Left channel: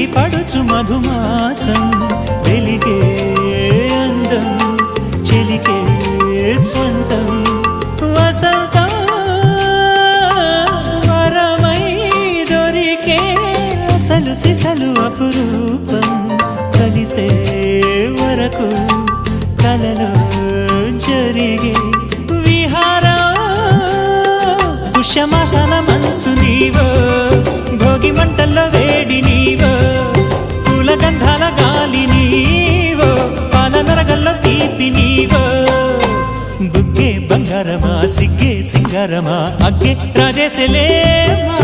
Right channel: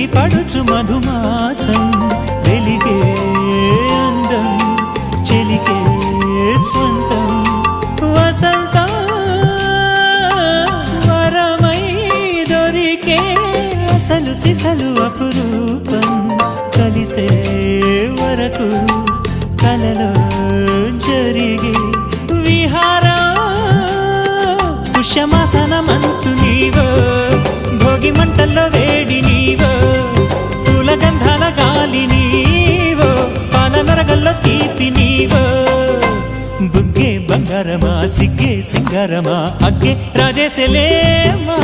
చిలిపి పడుచు మధుమాసం వెలిగే అందం చెలికే స్వంతం వసంతం వరమై దొరికే అసలు సిసలు అపురూపం కలిసే వరకు కలలో జరిగే విహారం పుష్యమాసన మనసు నీవో భోగి మంటల్లో వేడి నీవో పూల గంధాల గాలి నీవో పాల నరగల్లో తీపి నీవో బుగ్గే బంగారమా సిగ్గే సింగారమా అగ్గే రాజేసెలేమా